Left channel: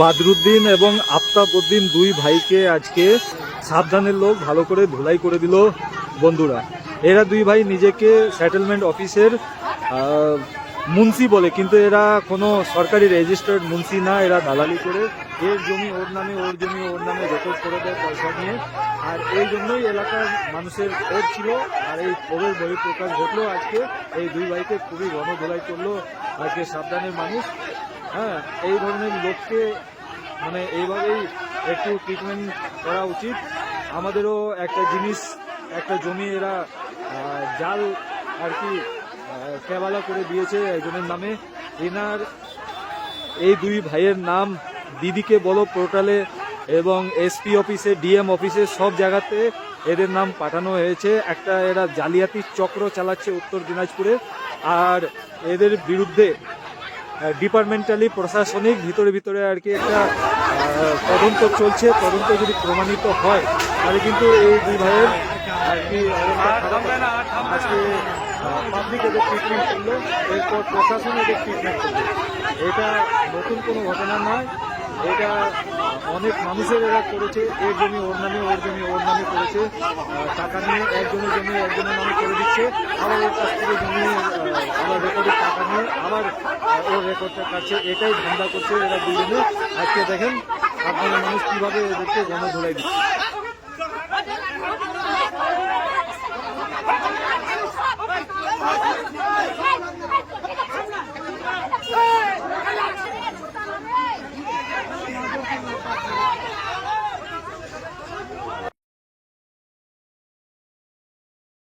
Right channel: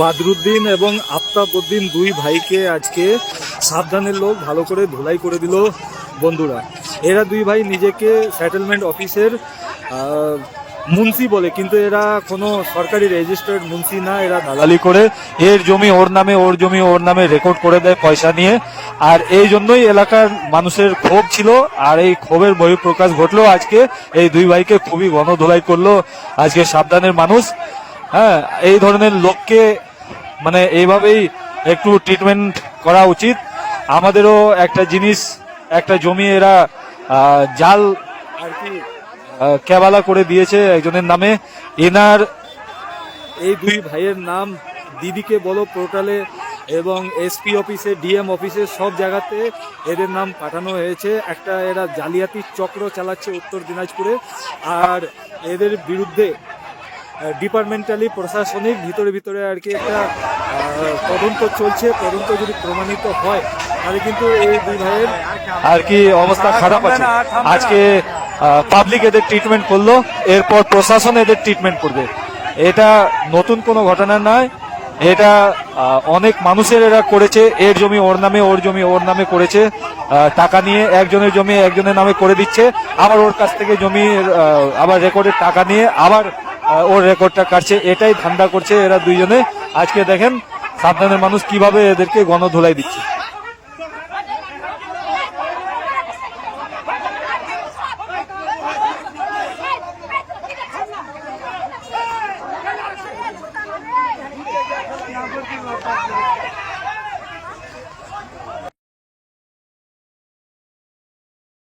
বাদরুদ্দিন এবং আফতাবউদ্দিন দুই ভাইকে আজকে সাবধানের লোক ভালো করে ধুলাই করে দিল বন্ধুরা। এরা দুই ভাই নিজেকে সেটেলমেন্ট অফিসের মুন্সি বলে, কিন্তু এরা কোনো সরকারি রেজিস্টার্ড মুন্সি না, এরা দালালি করে এর জমি ওর নামে, ওর জমি ওর নামে রেকর্ড করে দেয় পয়সা নিয়ে। আর এই জন্যই এলাকার মানুষের ক্ষোভ ছিল, আর এই ক্ষোভের বহিঃপ্রকাশ ঘটলো আজকে। এই দুই ভাইকে খুবই গণধোলাই করলো আজকে সাবধানের মানুষ। হ্যাঁ, এই ধরনের লোককে মানে এইভাবেই একটু ট্রিটমেন্ট করা উচিত। আমাদেরও একটা জিনিস, একটা জমি এরা জাল আর কি কেবালা করে দিয়েছে একজনের নামে। এনার এই দুই ভাইয়ের নাম দিদিকে বলো পোর্টালে এবং এসপি অফিসে, ডিএম অফিসে, সব জায়গাতে এদের নাম পাঠানো হয়েছে। একটা এরা জালিয়াতি চক্র চালাচ্ছে উত্তর দিনাজপুরে, আর এদের বিরুদ্ধে ডিপার্টমেন্টালি প্রশাসনিক ভিতরে ভিতরে আর কি একটা তদন্ত চলছে। তদন্ত যদি প্রমাণিত হয় তাহলে কিন্তু এই দুই ভাইয়ের আর কি অবস্থা খারাপ আছে। আজকে পাবলিক এদের ট্রিটমেন্ট করলো, এরপর প্রশাসন এদের ট্রিটমেন্ট করবে। এটা নতুন কোনো ঘটনা নয়, এটা অনেক মানুষের এরা করেছে। এর জমি ওর নামে, ওর জমি ওর নামে করেছে, টাকা নিয়ে একজনের জমি একজনের নামে করে দিচ্ছে, আবার ওর কাছ থেকে জমি আবার রেকর্ডের টাকা নিয়ে আবার ওর রেকর্ডটা কাটছে। এটাই ধান্দা করছে এরা দুইজনে। আজকে দেখেন সাবধানের মানুষ কিভাবে এদেরকে গণধোলাই দিচ্ছে।